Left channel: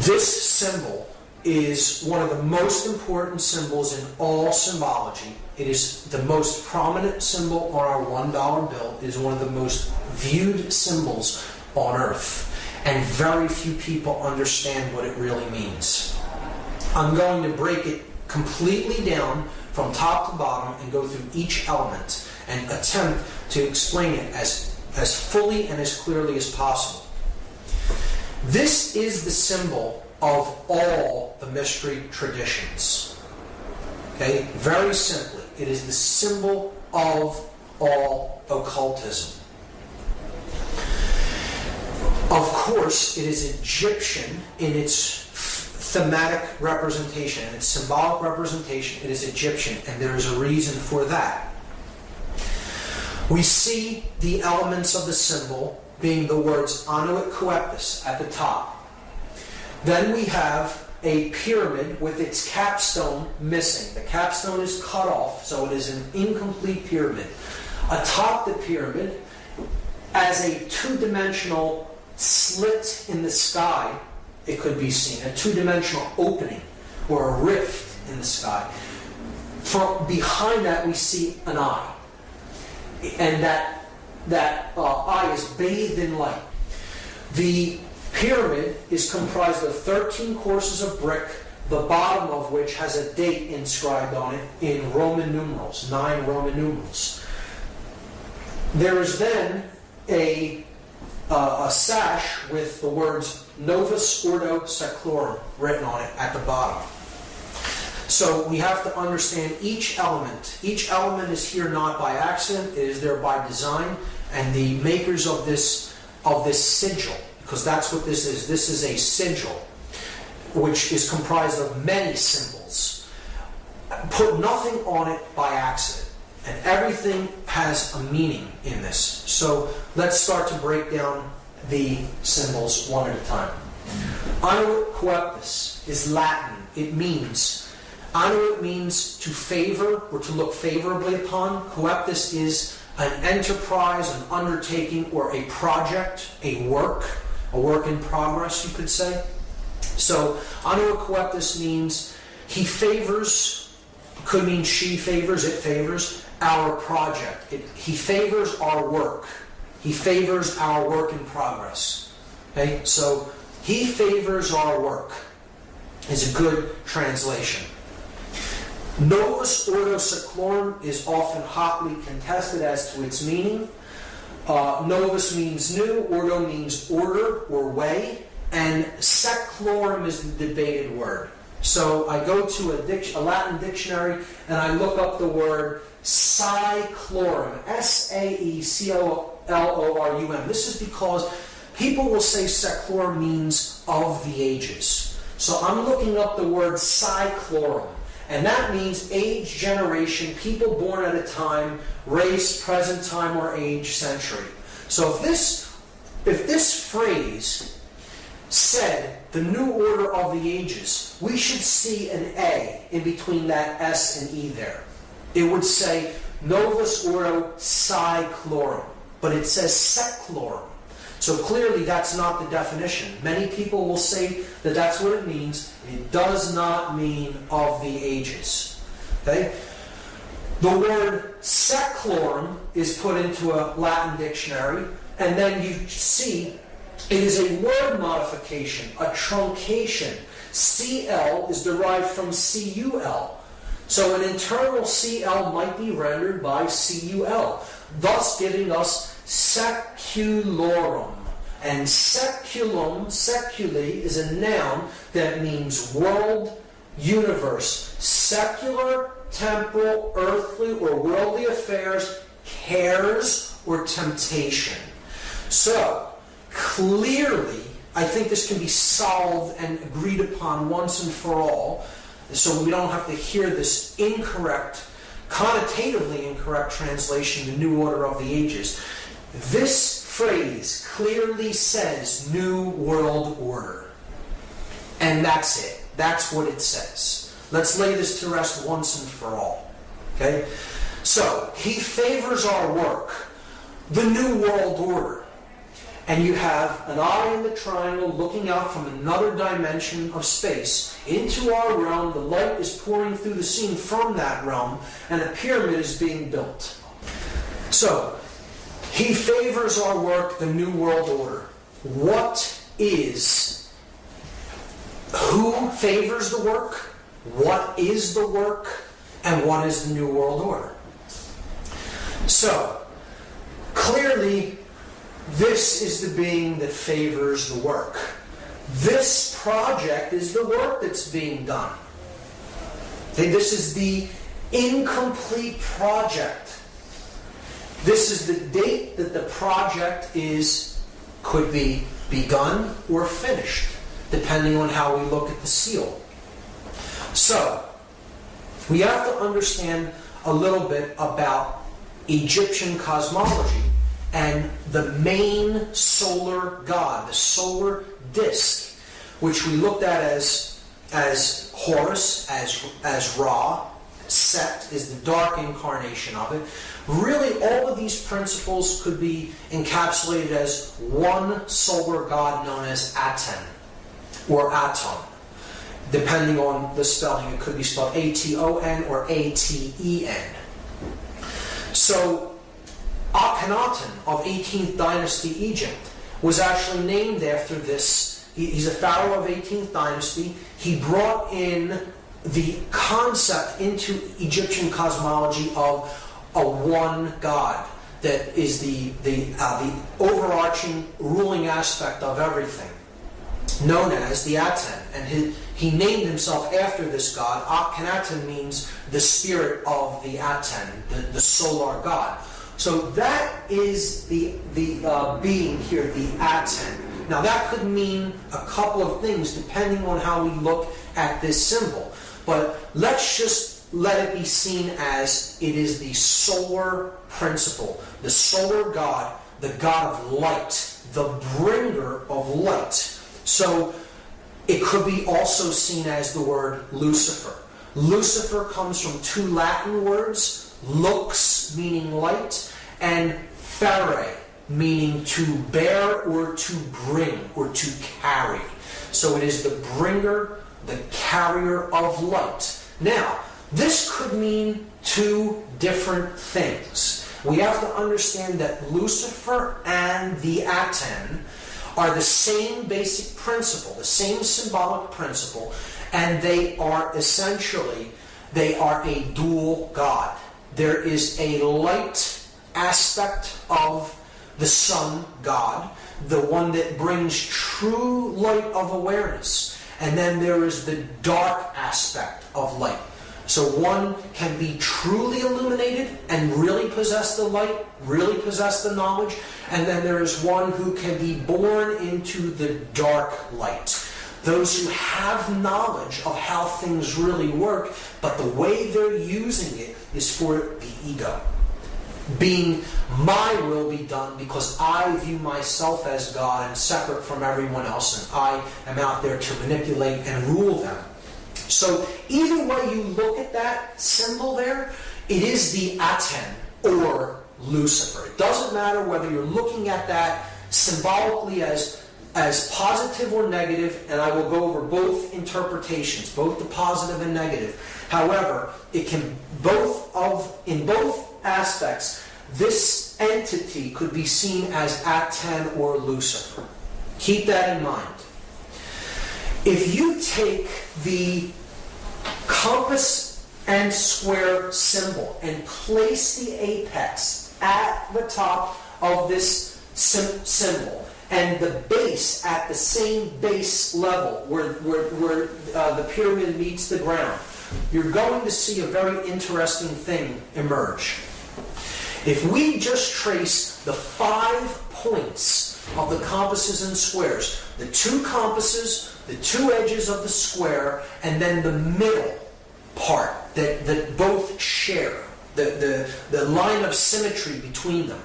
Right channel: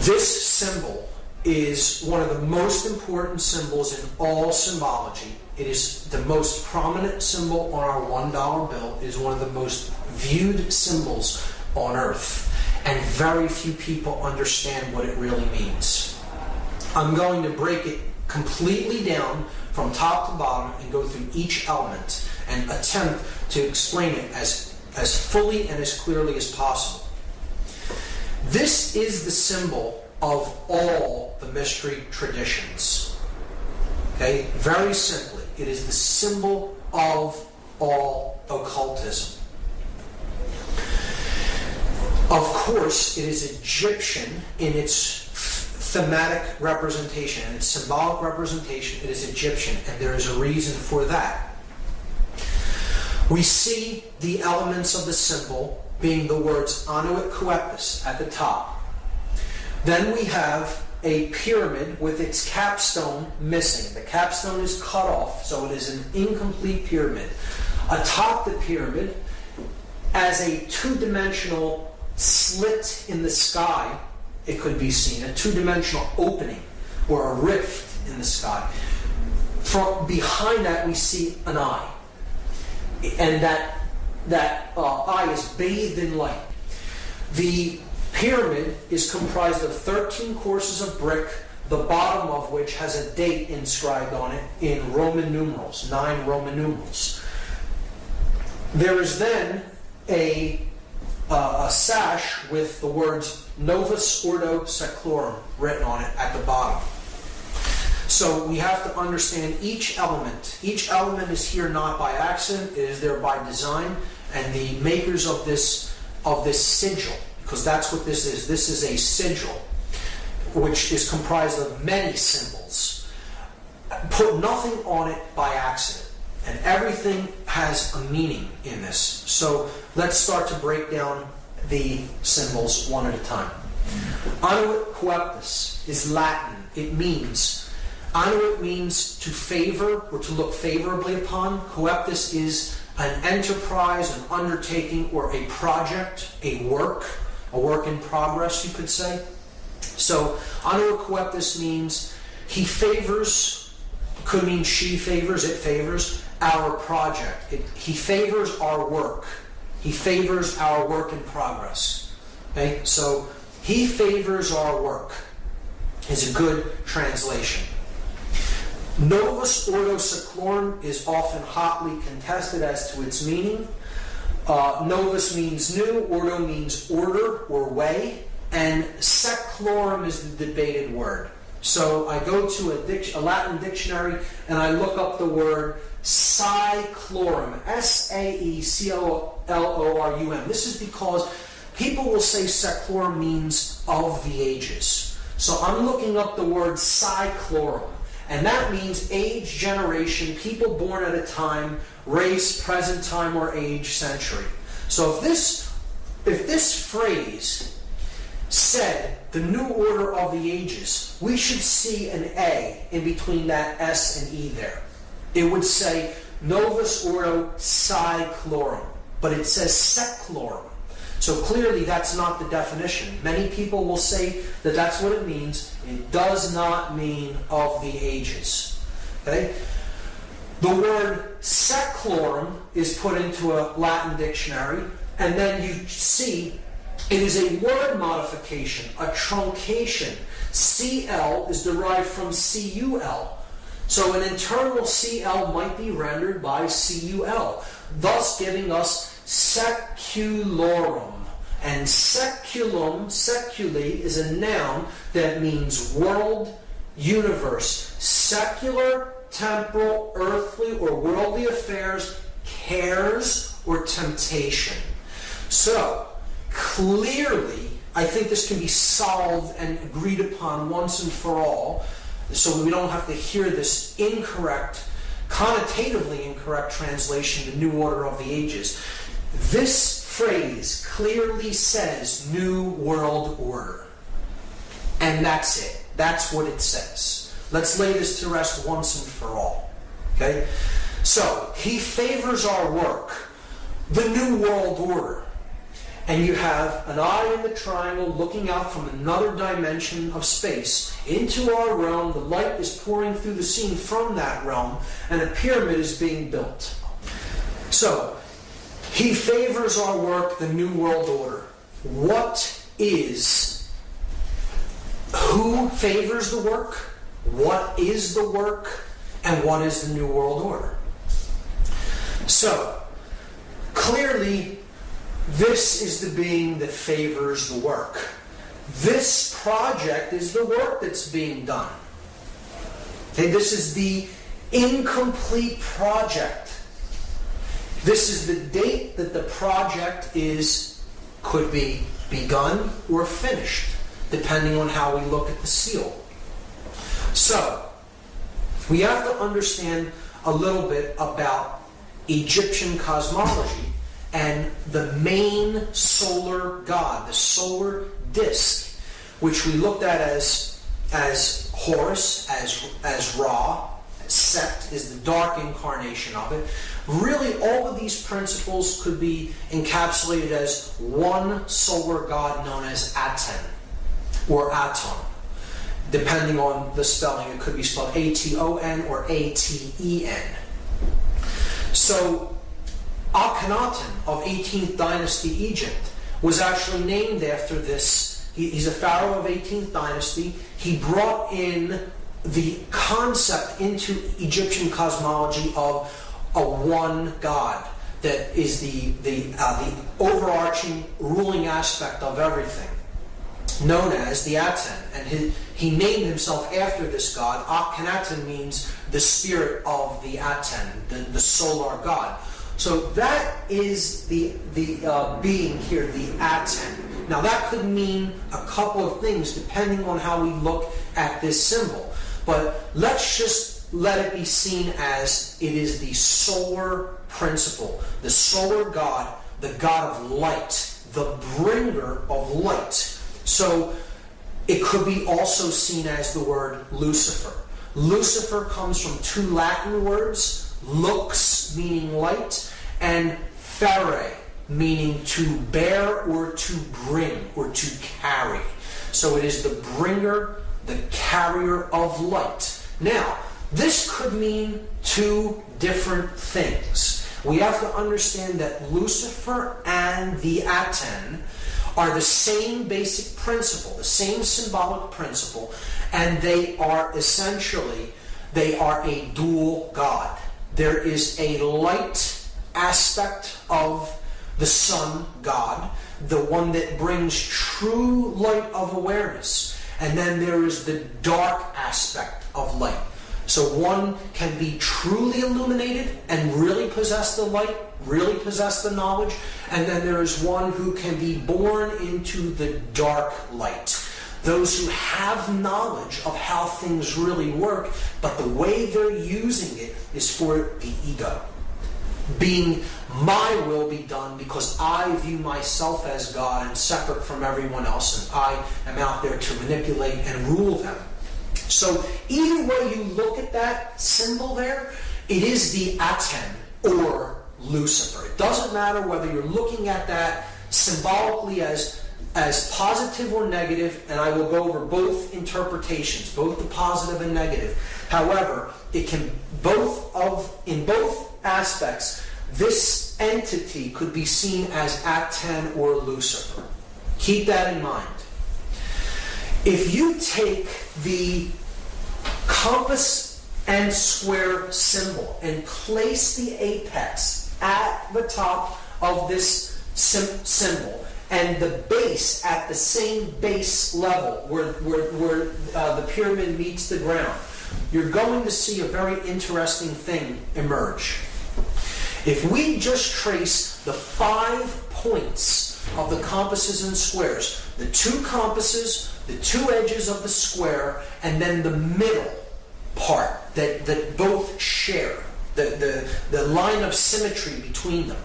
This symbol is one of the most important symbols in all symbology. It is the most prominent symbol on our $1 bill. It is one of the most viewed symbols on Earth. And very few people understand what it really means. I'm going to break it completely down from top to bottom and go through each element and attempt to explain it as fully and as clearly as possible. This is the symbol of all the mystery traditions. Okay? Very simply, it is the symbol of all occultism. Of course, it is Egyptian in its thematic representation and its symbolic representation. It is Egyptian, and there is a reason for that. We see the elements of the symbol being the words Anuit Coeptus at the top. Then we have a pyramid with its capstone missing. The capstone is cut off, so it is an incomplete pyramid. Atop the pyramid, as a two-dimensional slit in the sky, it could be seen, a two-dimensional opening or a rift in the sky. From behind that, we see an eye, and that eye is bathed in light. The pyramid is comprised of 13 courses of brick, the bottom of which has a date inscribed on it in Roman numerals, 9 Roman numerals. There is then a sash with the words Novus Ordo Seclorum written on it at the bottom. So we have to understand each element. Each element is here not by accident, it is there by design, and the makers of this sigil, because that's what this is. This is a sigil, which is comprised of many symbols. Put nothing on it by accident. And everything has a meaning in this. So let's start to break down the symbols one at a time. Anuit Coeptus is Latin. It means, Anuit means to favor or to look favorably upon. Coeptus is an enterprise, an undertaking, or a project, a work in progress, you could say. So Anuit Coeptus means he favors, could mean she favors, it favors, our project. He favors our work. He favors our work in progress. Okay? So, he favors our work is a good translation. Novus Ordo Seclorum is often hotly contested as to its meaning. Novus means new, Ordo means order or way, and Seclorum is the debated word. So I go to a Latin dictionary and I look up the word Saeclorum, S-A-E-C-O-L-O-R-U-M. This is because people will say Seclorum means of the ages. So I'm looking up the word Saeclorum, and that means age, generation, people born at a time, race, present time, or age, century. So if this phrase said the new order of the ages, we should see an A in between that S and E there. It would say Novus Ordo Saeclorum, but it says Seclorum. So clearly that's not the definition. Many people will say that that's what it means. It does not mean of the ages. Okay? The word Seclorum is put into a Latin dictionary, and then you see it is a word modification, a truncation. CL is derived from CUL. So an internal CL might be rendered by CUL, thus giving us seculorum. And seculum, seculi, is a noun that means world, universe, secular, temporal, earthly, or worldly affairs, cares, or temptation. So, clearly, I think this can be solved and agreed upon once and for all, so we don't have to hear this incorrect, connotatively incorrect translation, the new order of the ages. This phrase clearly says New World Order. And that's it. That's what it says. Let's lay this to rest once and for all. Okay? So, he favors our work, the New World Order. and you have an eye in the triangle looking out from another dimension of space into our realm. The light is pouring through the scene from that realm, and a pyramid is being built. So, he favors our work, the New World Order. Who favors the work? What is the work? And what is the New World Order? So, clearly, this is the being that favors the work. This project is the work that's being done. Okay, this is the incomplete project. This is the date that the project could be begun or finished, depending on how we look at the seal. So, we have to understand a little bit about Egyptian cosmology and the main solar god, the solar disk, which we looked at as Horus, as Ra. Set is the dark incarnation of it. Really, all of these principles could be encapsulated as one solar god known as Aten, or Aton. Depending on the spelling, it could be spelled A-T-O-N or A-T-E-N. So, Akhenaten of 18th dynasty Egypt was actually named after this. He's a pharaoh of 18th dynasty. He brought in the concept into Egyptian cosmology of a one God that is the overarching ruling aspect of everything, known as the Aten. And he named himself after this god. Akhenaten means the spirit of the Aten, the solar god. So that is the being here, the Aten. Now that could mean a couple of things depending on how we look at this symbol. But let's just let it be seen as it is the solar principle, the solar god, the god of light, the bringer of light. So it could be also seen as the word Lucifer. Lucifer comes from two Latin words, lux meaning light, and fere meaning to bear or to bring or to carry. So it is the bringer, the carrier of light. Now, this could mean two different things. We have to understand that Lucifer and the Aten are the same basic principle, the same symbolic principle, and they are a dual god. There is a light aspect of the sun god, the one that brings true light of awareness. And then there is the dark aspect of light. So one can be truly illuminated and really possess the light, really possess the knowledge. And then there is one who can be born into the dark light. Those who have knowledge of how things really work, but the way they're using it is for the ego. Being my will be done because I view myself as God and separate from everyone else, and I am out there to manipulate and rule them. So either way you look at that symbol there, it is the Aten or Lucifer. It doesn't matter whether you're looking at that symbolically as positive or negative, and I will go over both interpretations, both the positive and negative. However, it can in both aspects, this entity could be seen as Aten or Lucifer. Keep that in mind. If you take the compass and square symbol and place the apex at the top of this symbol, and the base at the same base level where the pyramid meets the ground, you're going to see a very interesting thing emerge. If we just trace the 5 points of the compasses and squares, the 2 compasses, the 2 edges of the square, and then the middle part that both share, the line of symmetry between them.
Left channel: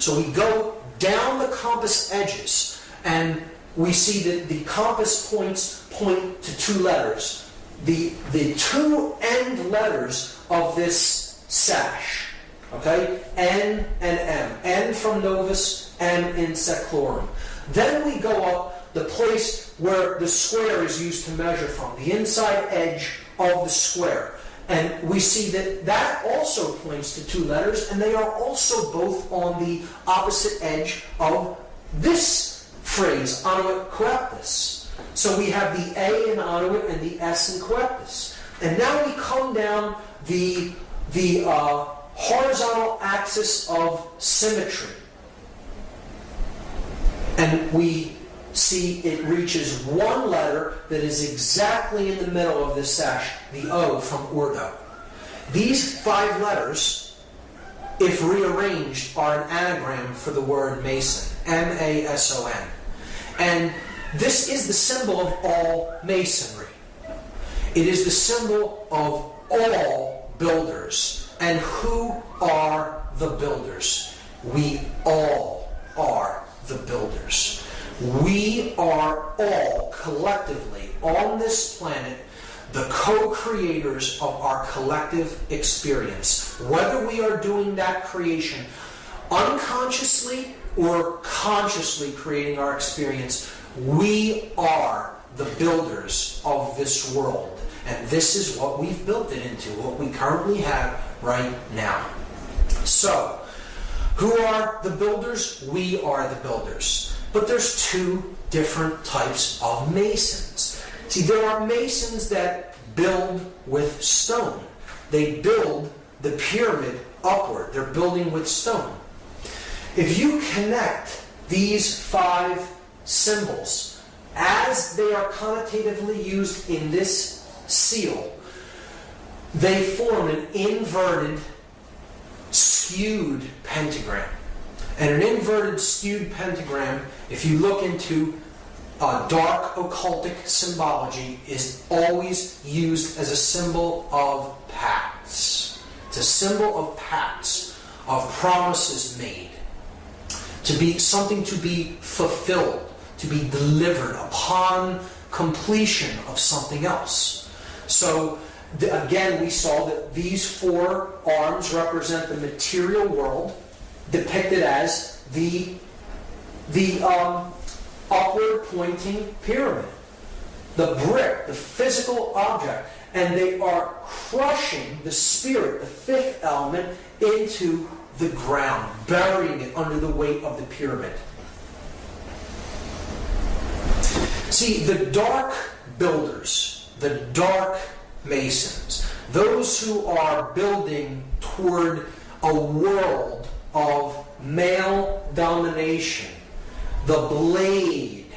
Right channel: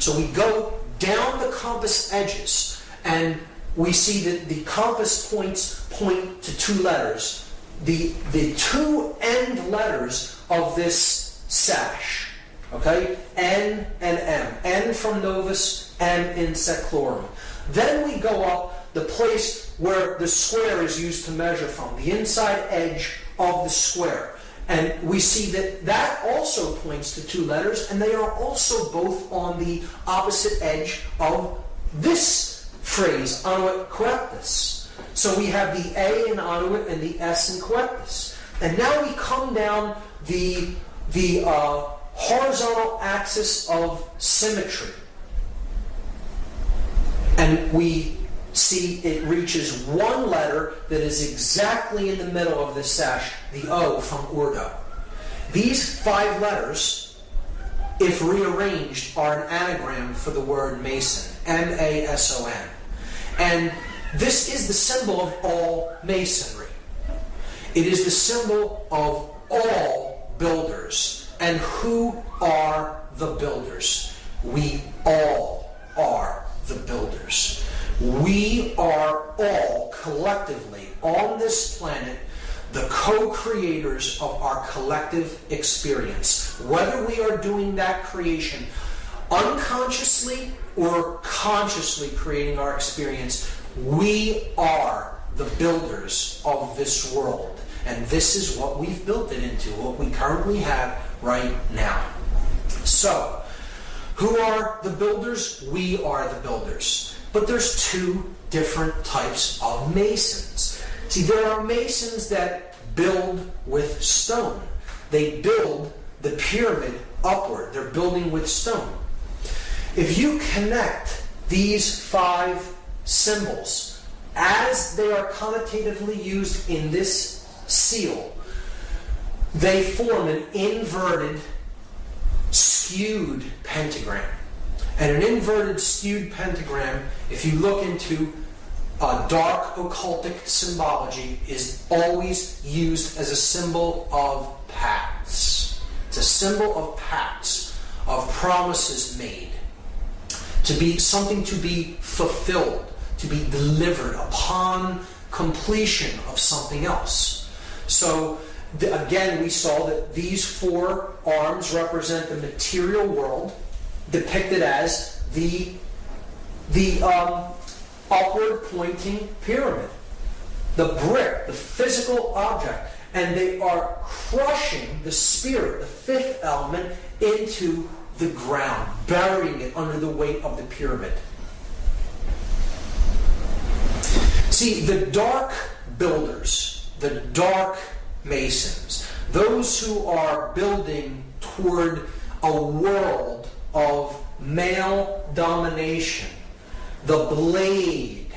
So we go down the compass edges, and we see that the compass points point to 2 letters. The 2 end letters of this sash Okay? N and M. N from Novus, M in Seclorum. Then we go up the place where the square is used to measure from, the inside edge of the square. And we see that that also points to two letters, and they are also both on the opposite edge of this phrase, annuit coeptus. So we have the A in annuit and the S in coeptus. And now we come down the horizontal axis of symmetry. And we see it reaches one letter that is exactly in the middle of this sash, the O from Urdu. These 5 letters, if rearranged, are an anagram for the word Mason, M-A-S-O-N. And this is the symbol of all masonry. It is the symbol of all builders. And who are the builders? We all are the builders. We are all collectively on this planet the co-creators of our collective experience. Whether we are doing that creation unconsciously or consciously creating our experience, we are the builders of this world. And this is what we've built it into, what we currently have right now. So, who are the builders? We are the builders. But there's 2 different types of masons. See, there are masons that build with stone. They build the pyramid upward. They're building with stone. If you connect these 5 symbols as they are connotatively used in this seal, they form an inverted, skewed pentagram. And an inverted, skewed pentagram, if you look into dark occultic symbology, is always used as a symbol of pacts. It's a symbol of pacts, of promises made, to be something to be fulfilled, to be delivered upon completion of something else. So, again, we saw that these 4 arms represent the material world, depicted as the upward pointing pyramid, the brick, the physical object, and they are crushing the spirit, the 5th element, into the ground, burying it under the weight of the pyramid. See, the dark builders, the dark masons, those who are building toward a world of male domination, the blade.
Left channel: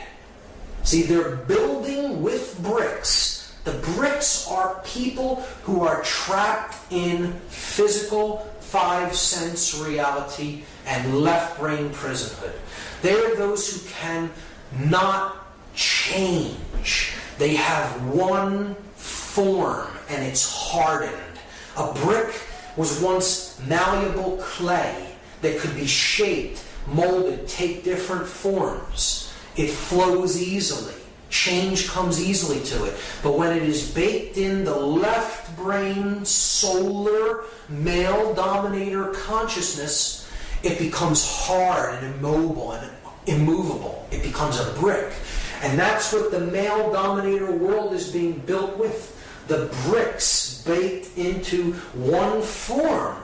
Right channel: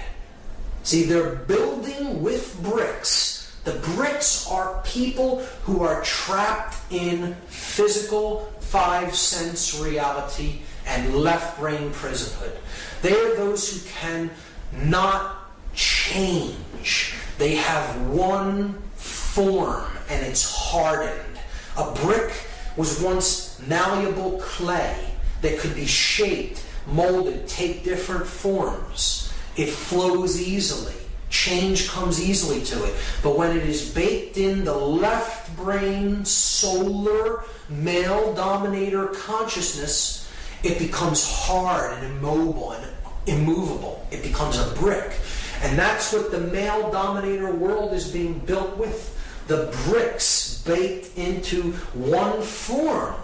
See, they're building with bricks. The bricks are people who are trapped in physical 5-sense reality and left-brain prisonhood. They are those who can not change. They have one form and it's hardened. A brick was once malleable clay that could be shaped, molded, take different forms. It flows easily. Change comes easily to it. But when it is baked in the left brain, solar, male dominator consciousness, it becomes hard and immobile and immovable. It becomes a brick. And that's what the male dominator world is being built with. The bricks baked into one form.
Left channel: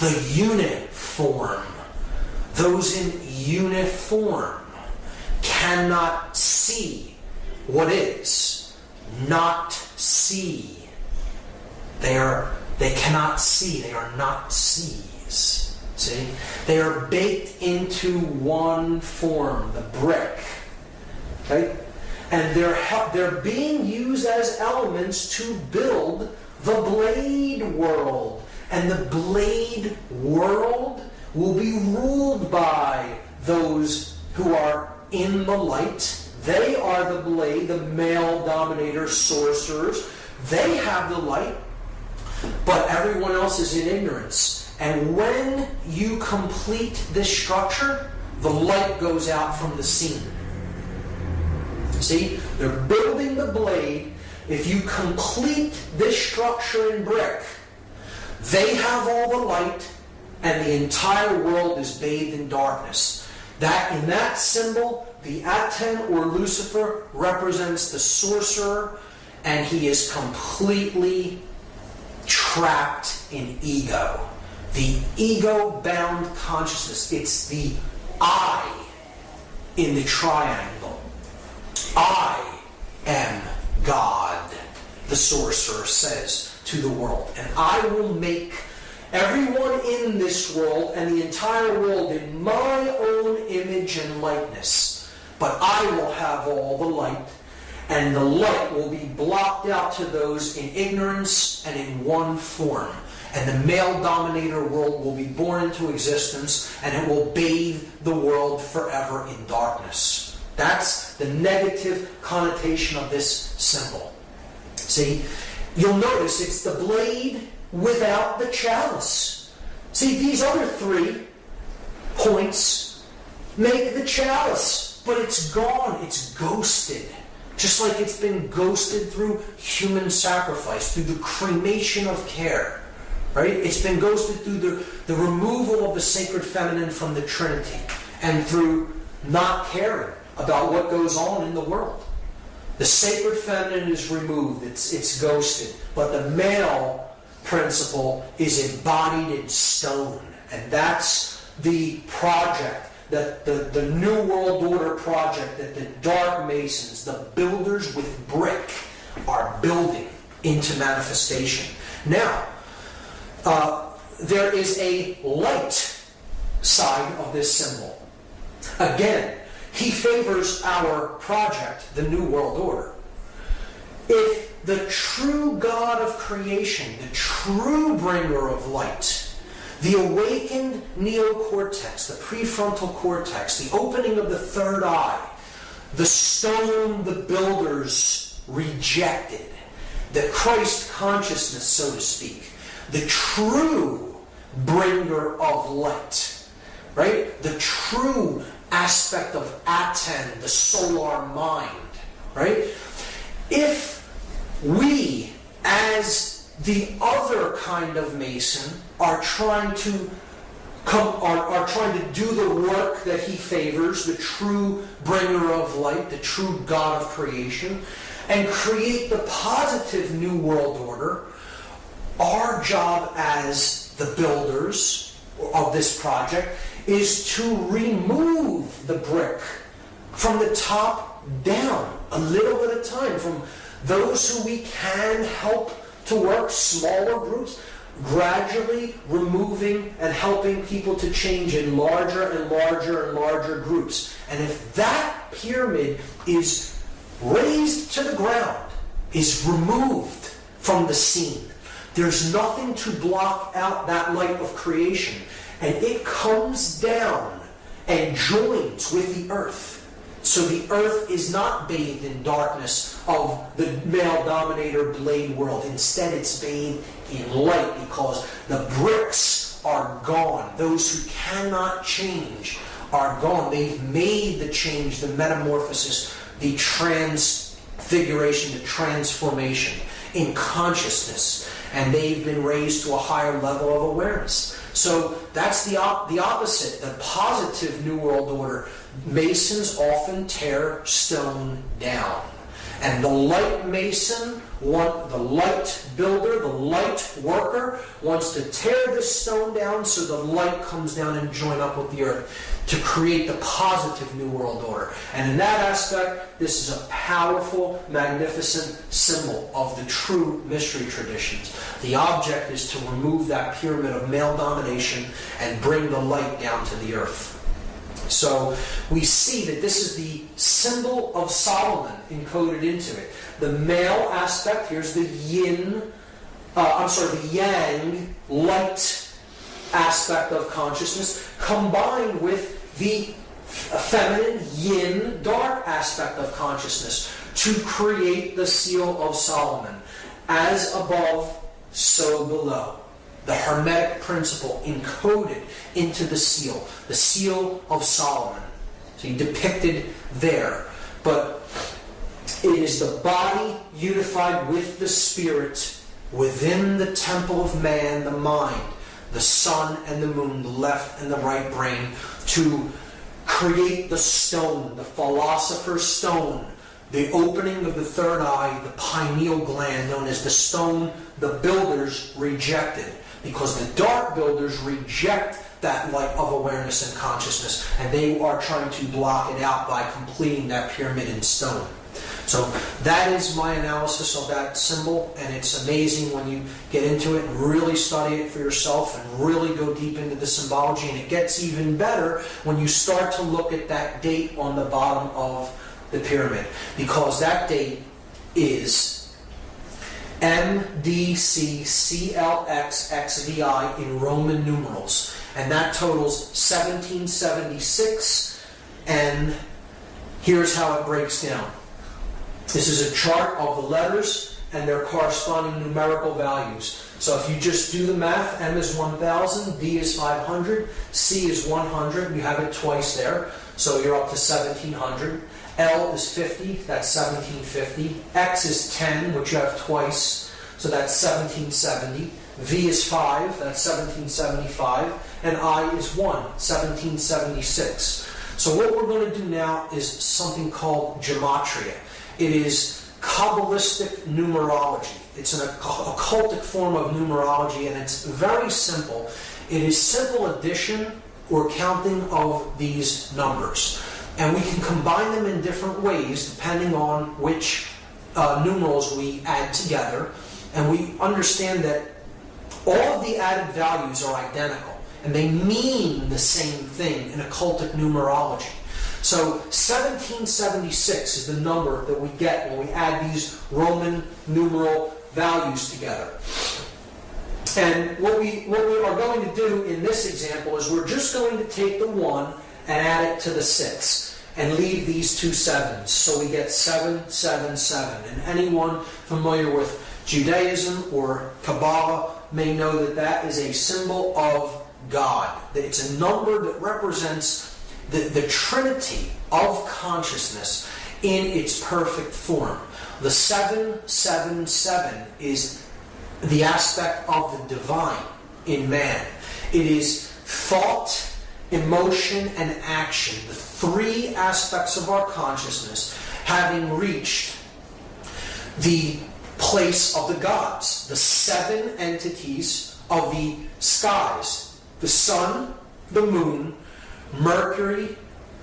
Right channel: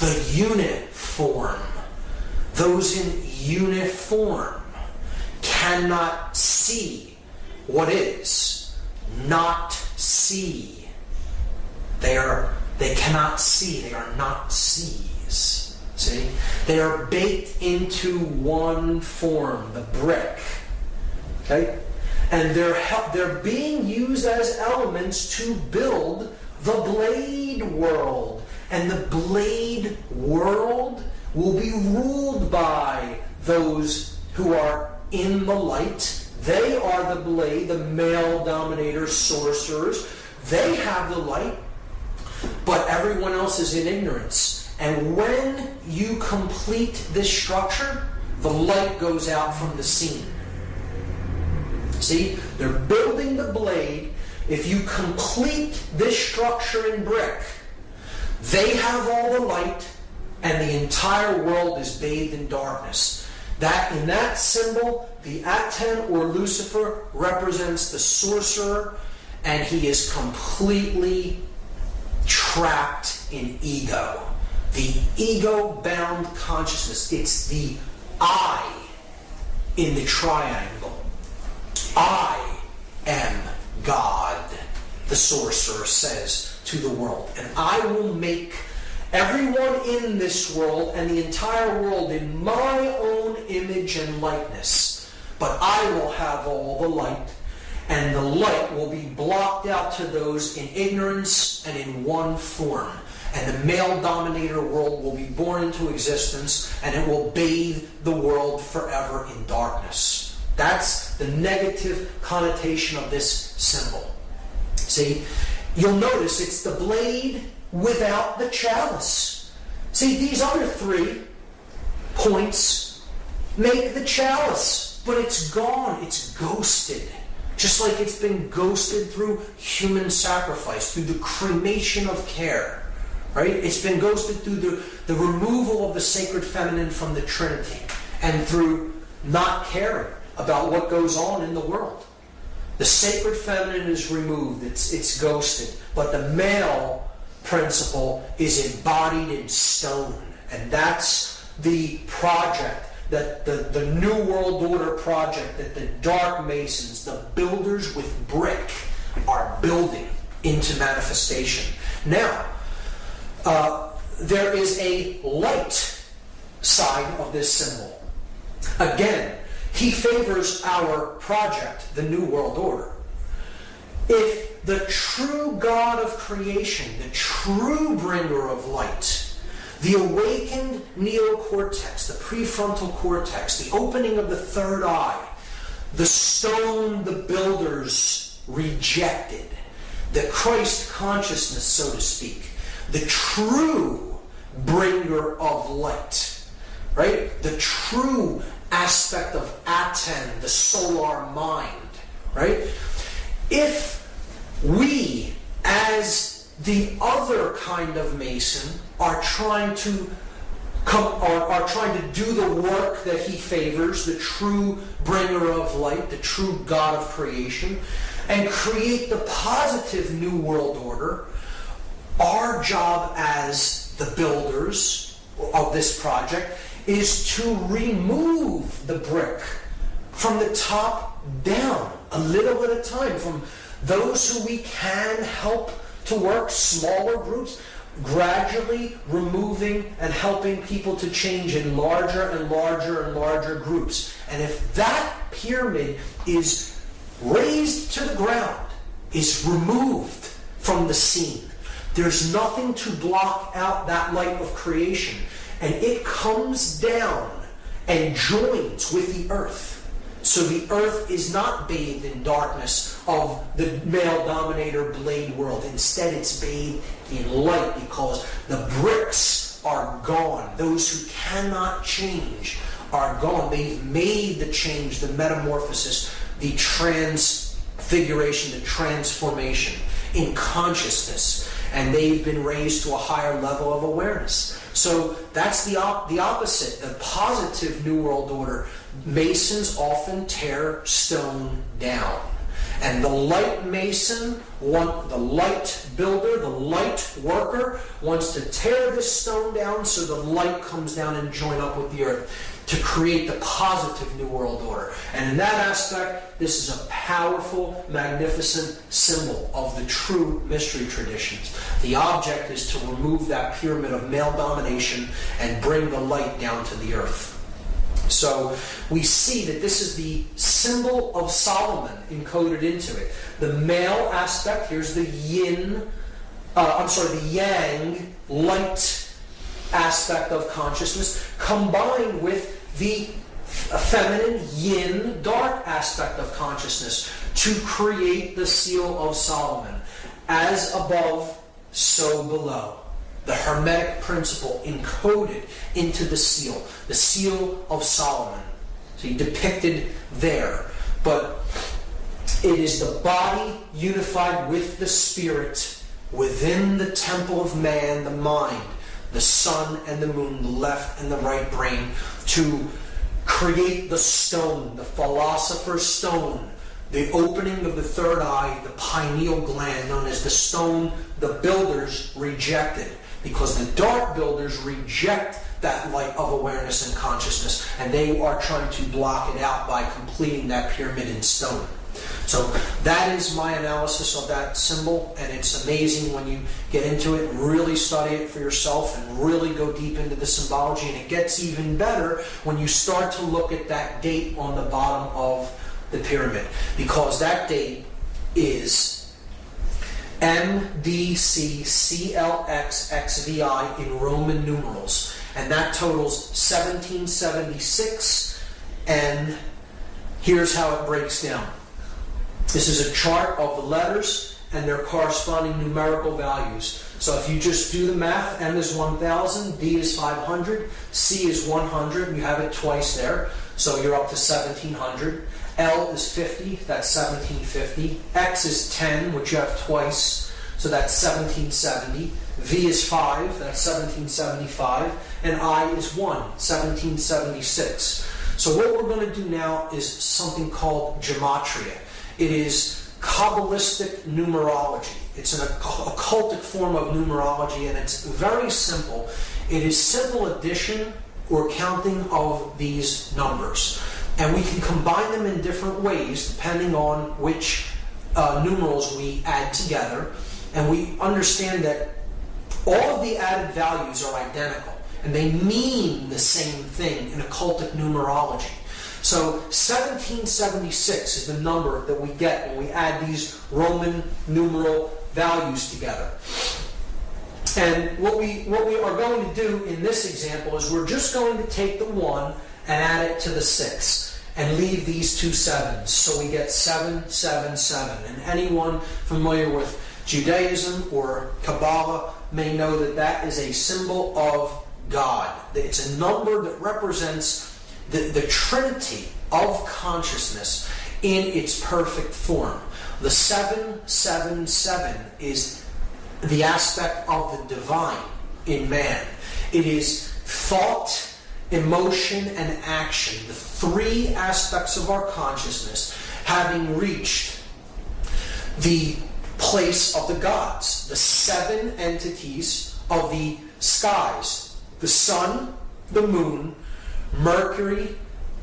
The unit form. Those in uniform cannot see what is. Not see. They cannot see. They are not sees. See? They are baked into one form, the brick. Okay? And they're being used as elements to build the blade world. And the blade world will be ruled by those who are in the light. They are the blade, the male dominator sorcerers. They have the light, but everyone else is in ignorance. And when you complete this structure, the light goes out from the scene. See, they're building the blade. If you complete this structure in brick, they have all the light, and the entire world is bathed in darkness. That in that symbol, the Aten or Lucifer represents the sorcerer, and he is completely trapped in ego. The ego-bound consciousness. It's the I in the triangle. I am God, the sorcerer says to the world. And I will make everyone in this world and the entire world in my own image and likeness. But I will have all the light, and the light will be blocked out to those in ignorance and in one form. And the male dominator world will be born into existence, and it will bathe the world forever in darkness. That's the negative connotation of this symbol. See, you'll notice it's the blade without the chalice. See, these other 3 points make the chalice, but it's gone, it's ghosted. Just like it's been ghosted through human sacrifice, through the cremation of care. Right? It's been ghosted through the removal of the sacred feminine from the Trinity, and through not caring about what goes on in the world. The sacred feminine is removed, it's ghosted, but the male principle is embodied in stone. And that's the project, that the New World Order project that the Dark Masons, the builders with brick, are building into manifestation. Now, there is a light side of this symbol. Again, he favors our project, the New World Order. If the true God of creation, the true bringer of light, the awakened neocortex, the prefrontal cortex, the opening of the third eye, the stone the builders rejected, the Christ consciousness, so to speak, the true bringer of light, right? The true aspect of Aten, the solar mind, right? If we, as the other kind of Mason, are trying to do the work that he favors, the true bringer of light, the true God of creation, and create the positive New World Order, our job as the builders of this project is to remove the brick from the top down, a little at a time, from those who we can help to work, smaller groups, gradually removing and helping people to change in larger and larger and larger groups. And if that pyramid is razed to the ground, is removed from the scene, there's nothing to block out that light of creation. And it comes down and joins with the earth. So the earth is not bathed in darkness of the male dominator blade world. Instead, it's bathed in light because the bricks are gone. Those who cannot change are gone. They've made the change, the metamorphosis, the transfiguration, the transformation in consciousness. And they've been raised to a higher level of awareness. So that's the opposite, the positive New World Order. Masons often tear stone down. And the light mason, the light builder, the light worker, wants to tear the stone down so the light comes down and join up with the earth to create the positive New World Order. And in that aspect, this is a powerful, magnificent symbol of the true mystery traditions. The object is to remove that pyramid of male domination and bring the light down to the earth. So we see that this is the symbol of Solomon encoded into it. The male aspect, here's the the yang, light aspect of consciousness, combined with the feminine yin, dark aspect of consciousness to create the seal of Solomon. As above, so below. The Hermetic principle encoded into the seal of Solomon. See, depicted there. But it is the body unified with the spirit within the temple of man, the mind, the sun and the moon, the left and the right brain, to create the stone, the philosopher's stone, the opening of the third eye, the pineal gland, known as the stone the builders rejected, because the dark builders reject that light of awareness and consciousness, and they are trying to block it out by completing that pyramid in stone. So that is my analysis of that symbol, and it's amazing when you get into it and really study it for yourself and really go deep into the symbology, and it gets even better when you start to look at that date on the bottom of the pyramid, because that date is MDCCLXXVI in Roman numerals, and that totals 1776, and here's how it breaks down. This is a chart of the letters and their corresponding numerical values. So if you just do the math, M is 1000, D is 500, C is 100, and you have it twice there, so you're up to 1700. L is 50, that's 1750. X is 10, which you have twice, so that's 1770. V is 5, that's 1775. And I is 1, 1776. So what we're going to do now is something called gematria. It is Kabbalistic numerology. It's an occultic form of numerology, and it's very simple. It is simple addition or counting of these numbers. And we can combine them in different ways depending on which numerals we add together. And we understand that all of the added values are identical, and they mean the same thing in occultic numerology. So 1776 is the number that we get when we add these Roman numeral values together. And what we are going to do in this example is we're just going to take the 1 and add it to the 6 and leave these two 7s. So we get 777. And anyone familiar with Judaism or Kabbalah may know that that is a symbol of God. It's a number that represents the trinity of consciousness in its perfect form. The 777 is the aspect of the divine in man. It is thought, emotion, and action, the three aspects of our consciousness, having reached the place of the gods, the 7 entities of the skies, the sun, the moon, Mercury,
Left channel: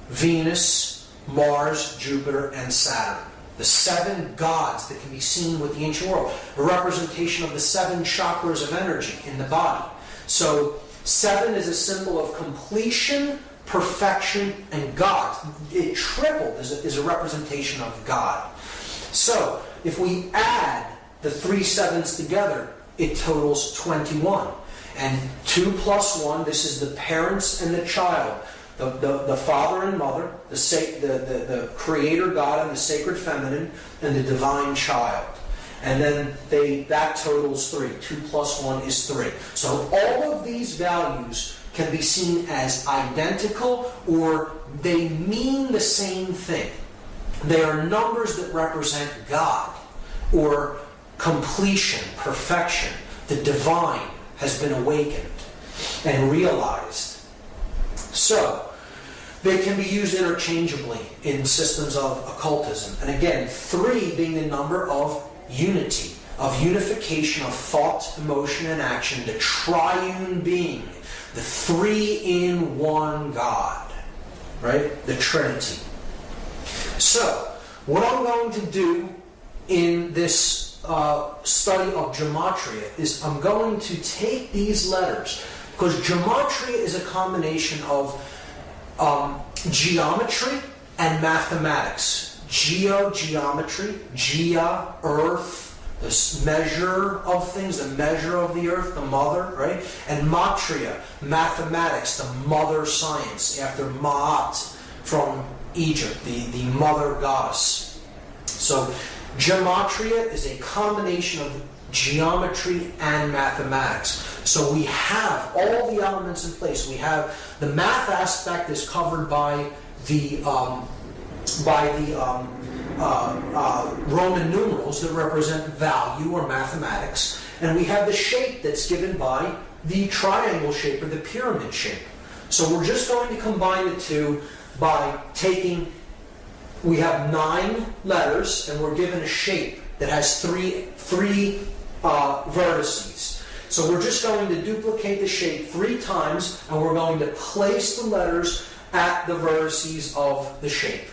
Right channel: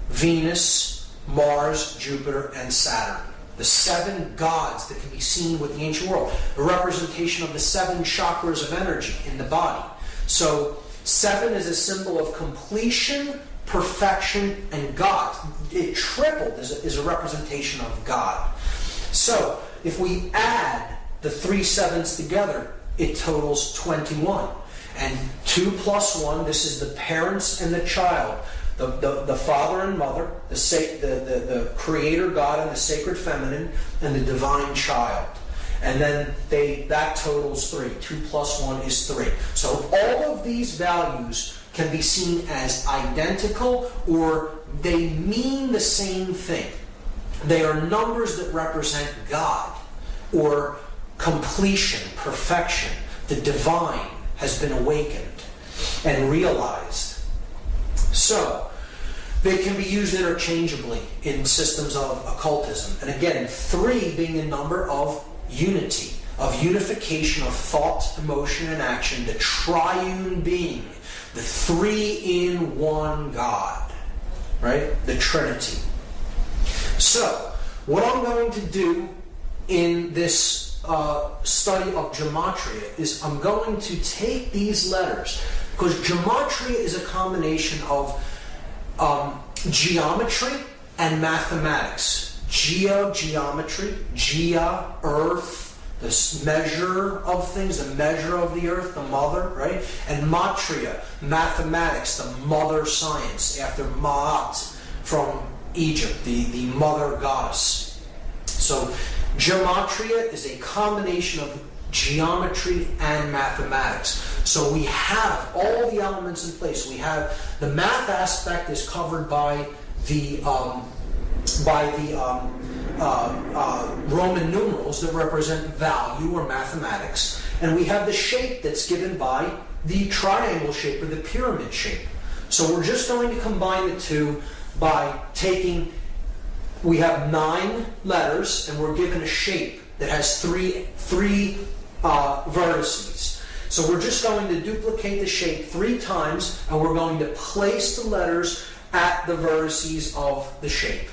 Venus, Mars, Jupiter, and Saturn. The 7 gods that can be seen with the ancient world. A representation of the 7 chakras of energy in the body. So 7 is a symbol of completion, perfection, and God. It tripled is a representation of God. So if we add the 3 7s together, it totals 21. And 2 plus 1, this is the parents and the child. The father and mother, the creator God and the sacred feminine, and the divine child. And then that totals 3. 2 plus 1 is 3. So all of these values can be seen as identical, or they mean the same thing. They are numbers that represent God, or completion, perfection. The divine has been awakened and realized. So they can be used interchangeably in systems of occultism. And again, 3 being the number of unity, of unification of thought, emotion, and action, the triune being, the 3-in-1 God, right? The Trinity. So, what I'm going to do in this study of gematria is I'm going to take these letters, because gematria is a combination of geometry and mathematics. Geometry, earth, the measure of things, the measure of the earth, the mother, right? And matria, mathematics, the mother science, after Ma'at from Egypt, the mother goddess. So gematria is a combination of geometry and mathematics. So we have all the elements in place. We have the math aspect is covered by the Roman numerals that represent value or mathematics, and we have the shape that's given by the triangle shape or the pyramid shape. So we're just going to combine the two by taking, we have 9 letters and we're given a shape that has three vertices. So we're just going to duplicate the shape 3 times and we're going to place the letters at the vertices of the shape.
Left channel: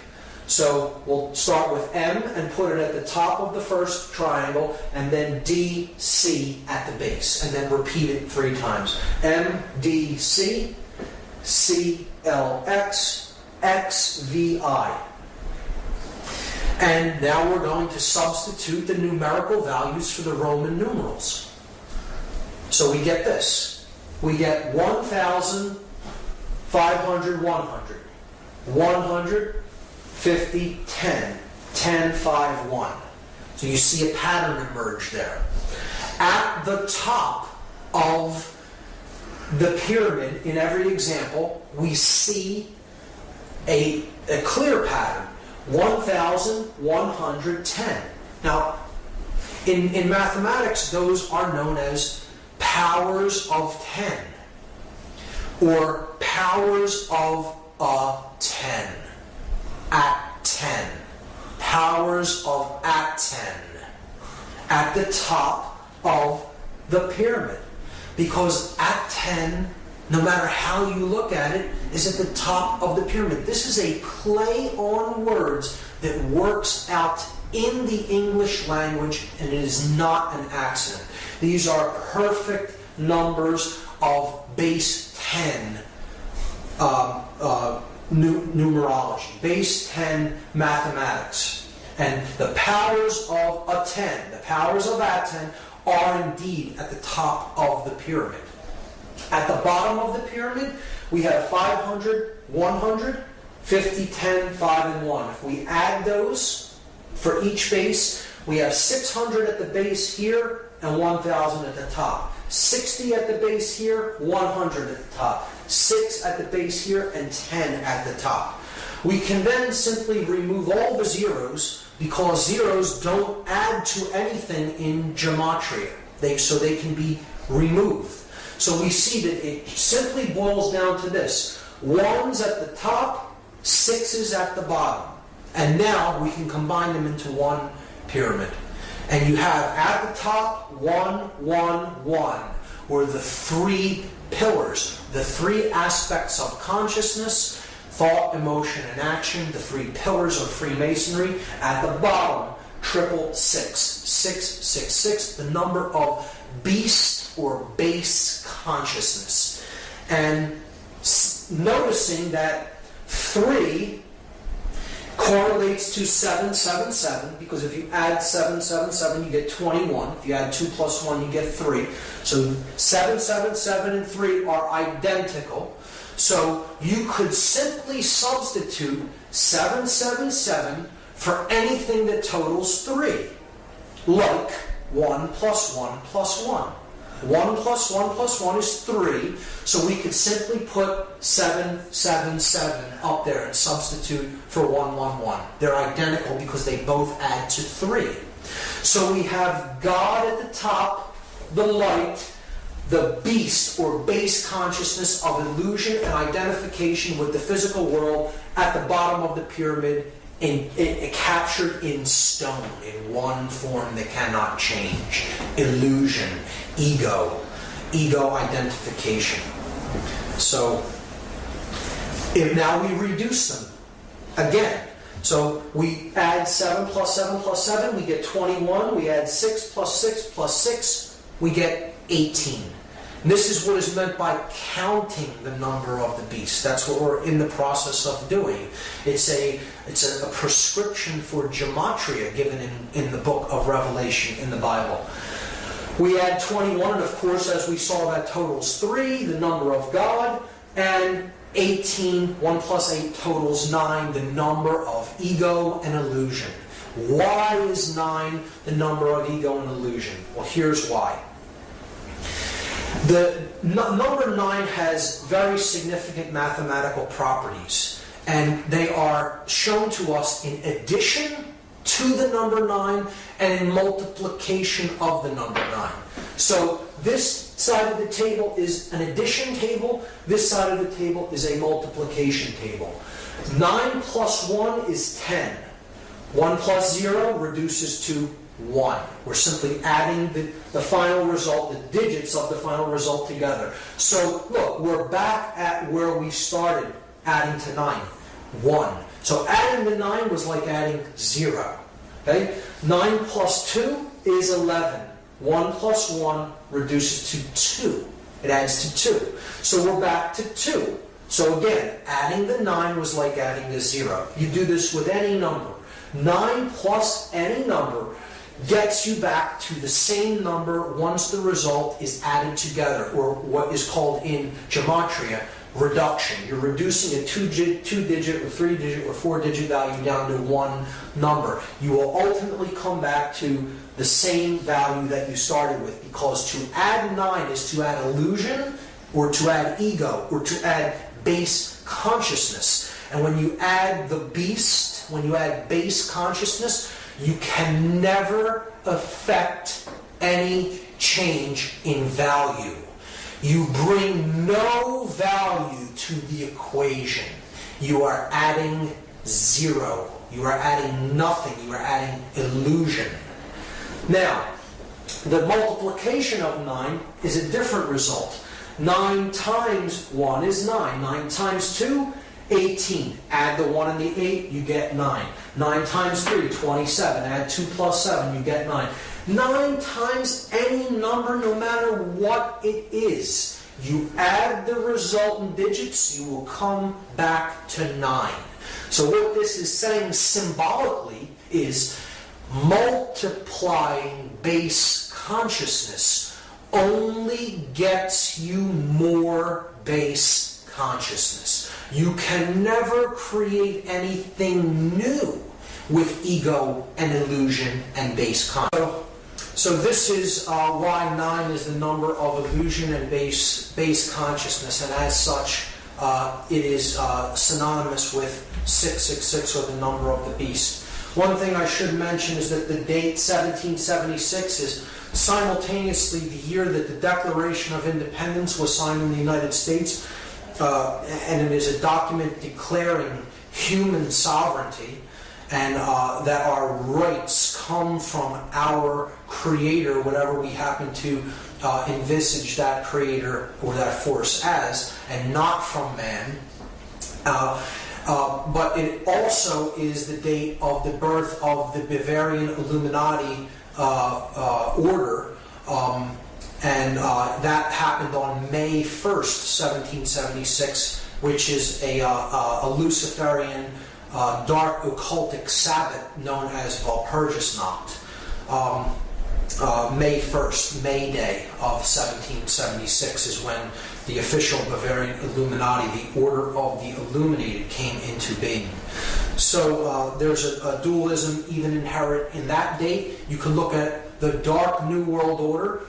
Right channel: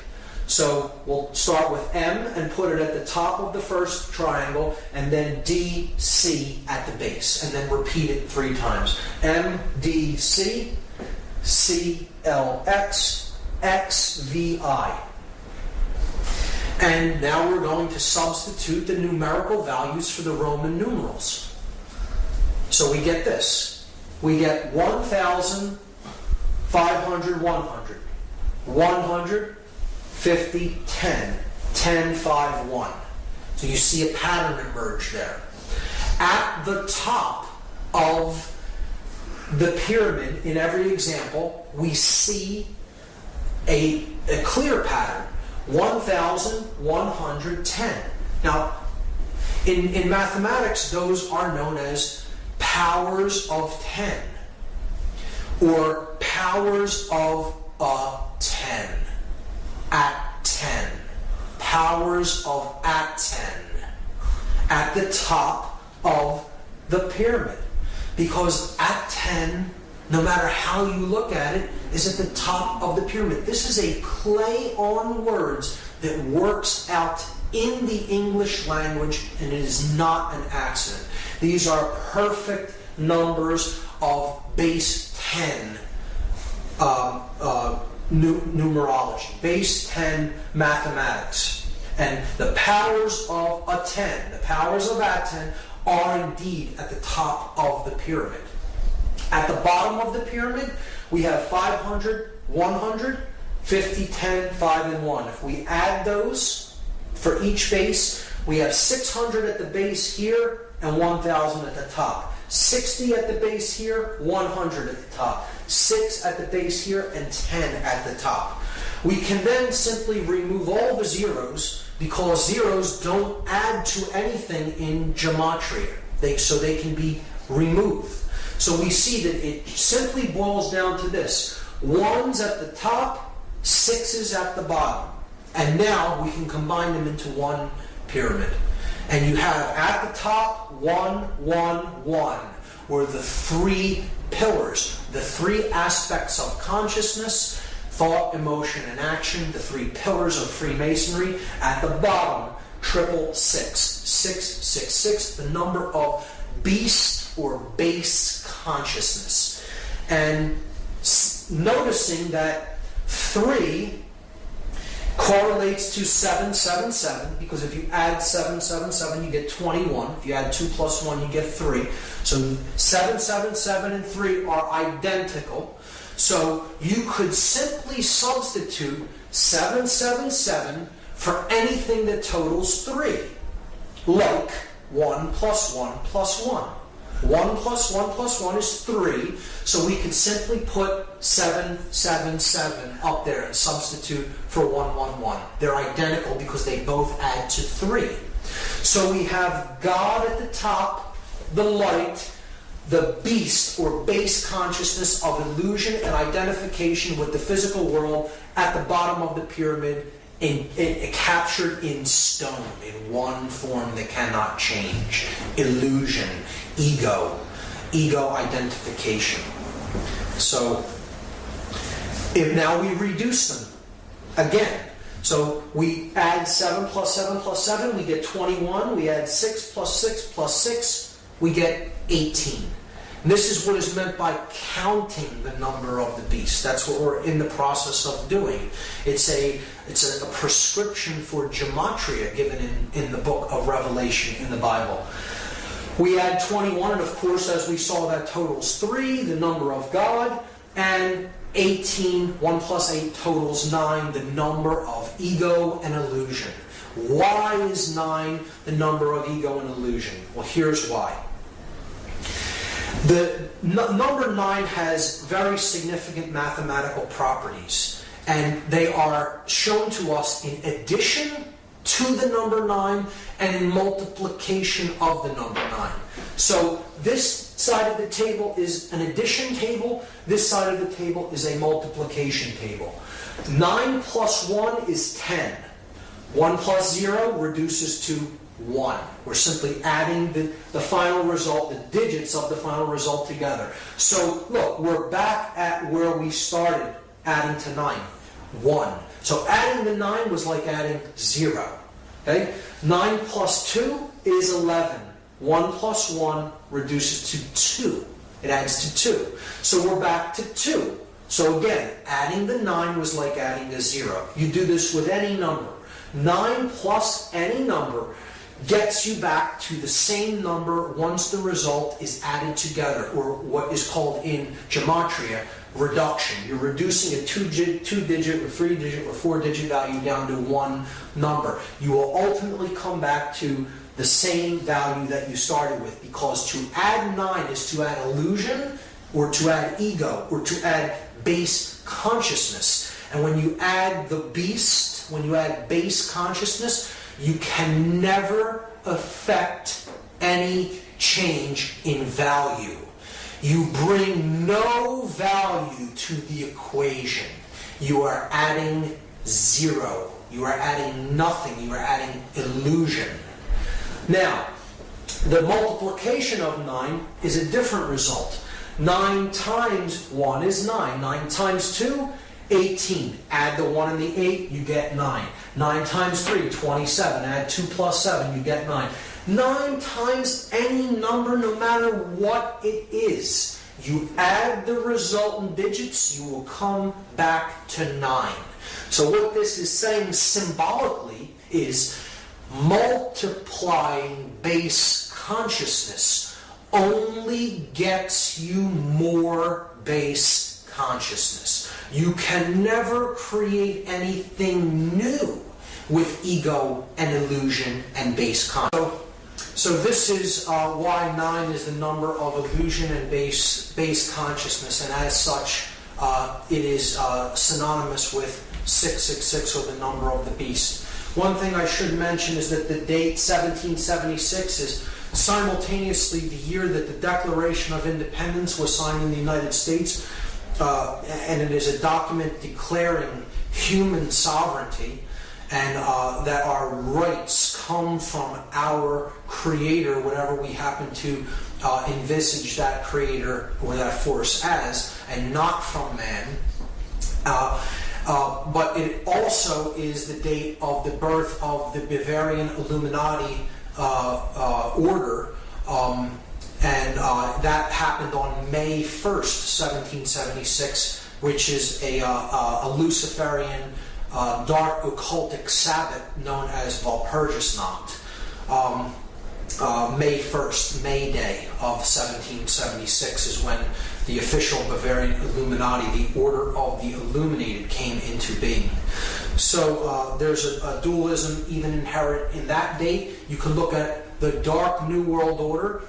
So we'll start with M and put it at the top of the first triangle, and then D, C at the base, and then repeat it 3 times. M, D, C, C, L, X, X, V, I. And now we're going to substitute the numerical values for the Roman numerals. So we get this. We get 1,000, 500, 100. 100, 50, 10. 10, 5, 1. So you see a pattern emerge there. At the top of the pyramid, in every example, we see a clear pattern. 1,110. Now, in mathematics, those are known as powers of 10, or powers of 10, at 10, powers of at 10, at the top of the pyramid. Because at 10, no matter how you look at it, is at the top of the pyramid. This is a play on words that works out in the English language, and it is not an accident. These are perfect numbers of base 10 numerology, base 10 mathematics. And the powers of a 10, the powers of at 10, are indeed at the top of the pyramid. At the bottom of the pyramid, we have 500, 100, 50, 10, 5, and 1. If we add those for each base, we have 600 at the base here and 1,000 at the top. 60 at the base here, 100 at the top. 6 at the base here, and 10 at the top. We can then simply remove all the zeros, because zeros don't add to anything in gematria. So they can be removed. So we see that it simply boils down to this. 1's at the top, 6's at the bottom. And now we can combine them into one pyramid. And you have at the top 1, 1, 1, where the 3 pillars, the 3 aspects of consciousness, thought, emotion, and action, the 3 pillars of Freemasonry. At the bottom, 666. 666, the number of beast or base consciousness. And noticing that 3 correlates to 777, because if you add 777, you get 21. If you add 2 plus 1, you get 3. So 777 and 3 are identical. So you could simply substitute 777 for anything that totals 3. Like 1 plus 1 plus 1. 1 plus 1 plus 1 is 3, so we could simply put 777 up there and substitute for 111. They're identical because they both add to 3. So we have God at the top, the light, the beast or base consciousness of illusion and identification with the physical world at the bottom of the pyramid, captured in stone, in one form that cannot change. Illusion, ego identification. So, if now we reduce them again. So we add 7 plus 7 plus 7, we get 21. We add 6 plus 6 plus 6, we get 18. And this is what is meant by counting the number of the beast. That's what we're in the process of doing. It's a prescription for gematria given in the book of Revelation in the Bible. We add 21, and of course, as we saw, that totals 3, the number of God, and 18, 1 plus 8 totals 9, the number of ego and illusion. Why is 9 the number of ego and illusion? Well, here's why. The number 9 has very significant mathematical properties, and they are shown to us in addition to the number 9 and multiplication of the number 9. So this side of the table is an addition table. This side of the table is a multiplication table. 9 plus 1 is 10. 1 plus 0 reduces to 1. We're simply adding the final result, the digits of the final result together. So look, we're back at where we started adding to 9. 1. So adding the 9 was like adding 0. Okay? 9 plus 2 is 11. 1 plus 1 reduces to 2. It adds to 2. So we're back to 2. So again, adding the 9 was like adding a 0. You do this with any number. 9 plus any number gets you back to the same number once the result is added together, or what is called in gematria reduction. You're reducing a 2-digit or 3-digit or 4-digit value down to one number. You will ultimately come back to the same value that you started with, because to add 9 is to add illusion, or to add ego, or to add base consciousness. And when you add the beast, when you add base consciousness, you can never affect any change in value. You bring no value to the equation. You are adding 0. You are adding nothing. You are adding illusion. Now, the multiplication of 9 is a different result. 9 times 1 is 9. 9 times 2, 18. Add the 1 and the 8, you get 9. 9 times 3, 27. Add 2 plus 7, you get 9. 9 times any number, no matter what it is. You add the resultant digits, you will come back to 9. So what this is saying symbolically is multiplying base consciousness only gets you more base consciousness. You can never create anything new with ego and illusion and base consciousness. So this is why 9 is the number of illusion and base consciousness, and as such, it is synonymous with 666, or the number of the beast. One thing I should mention is that the date 1776 is simultaneously the year that the Declaration of Independence was signed in the United States, and it is a document declaring human sovereignty, and that our rights come from our Creator, whatever we happen to envisage that Creator or that force as, and not from man. But it also is the date of the birth of the Bavarian Illuminati order, and that happened on May 1st, 1776, which is a Luciferian dark occultic Sabbath known as Walpurgisnacht. May 1st, May Day of 1776 is when the official Bavarian Illuminati, the Order of the Illuminated, came into being. So there's a dualism even inherent in that date. You can look at the Dark New World Order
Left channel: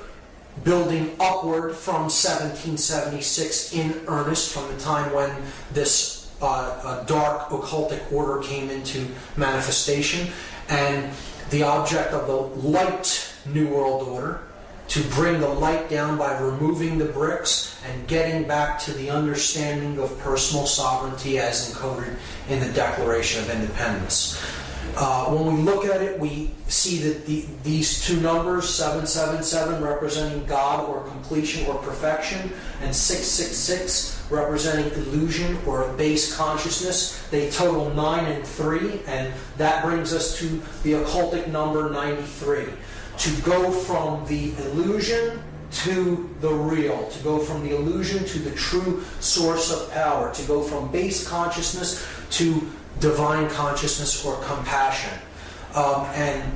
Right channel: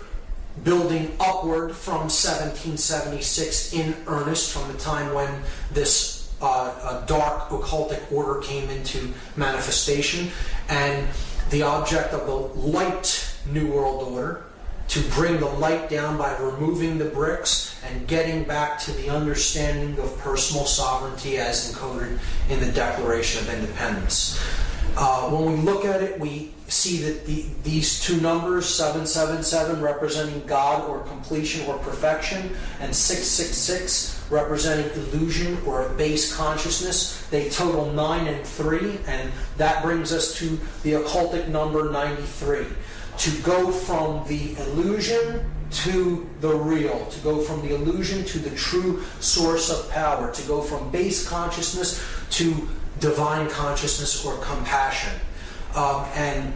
building upward from 1776 in earnest, from the time when this dark occultic order came into manifestation, and the object of the light New World Order to bring the light down by removing the bricks and getting back to the understanding of personal sovereignty as encoded in the Declaration of Independence. When we look at it, we see that these two numbers, 777 representing God or completion or perfection, and 666 representing illusion or base consciousness, they total 9 and 3, and that brings us to the occultic number 93. To go from the illusion to the real, to go from the illusion to the true source of power, to go from base consciousness to divine consciousness or compassion. And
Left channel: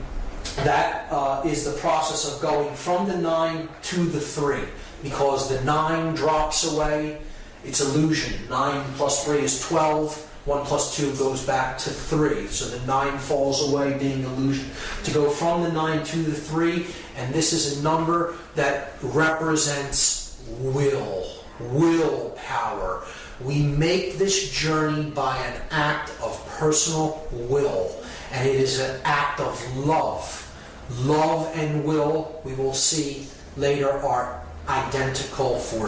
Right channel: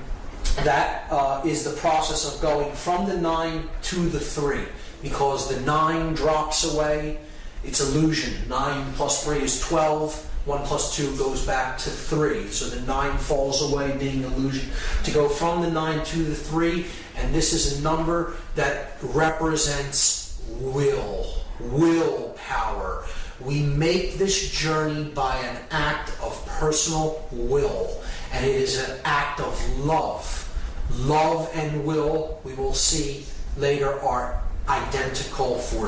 that is the process of going from the 9 to the 3, because the 9 drops away. It's illusion. 9 plus 3 is 12. 1 plus 2 goes back to 3. So the 9 falls away, being illusion. To go from the 9 to the 3, and this is a number that represents willpower. We make this journey by an act of personal will, and it is an act of love. Love and will, we will see later, are identical forces.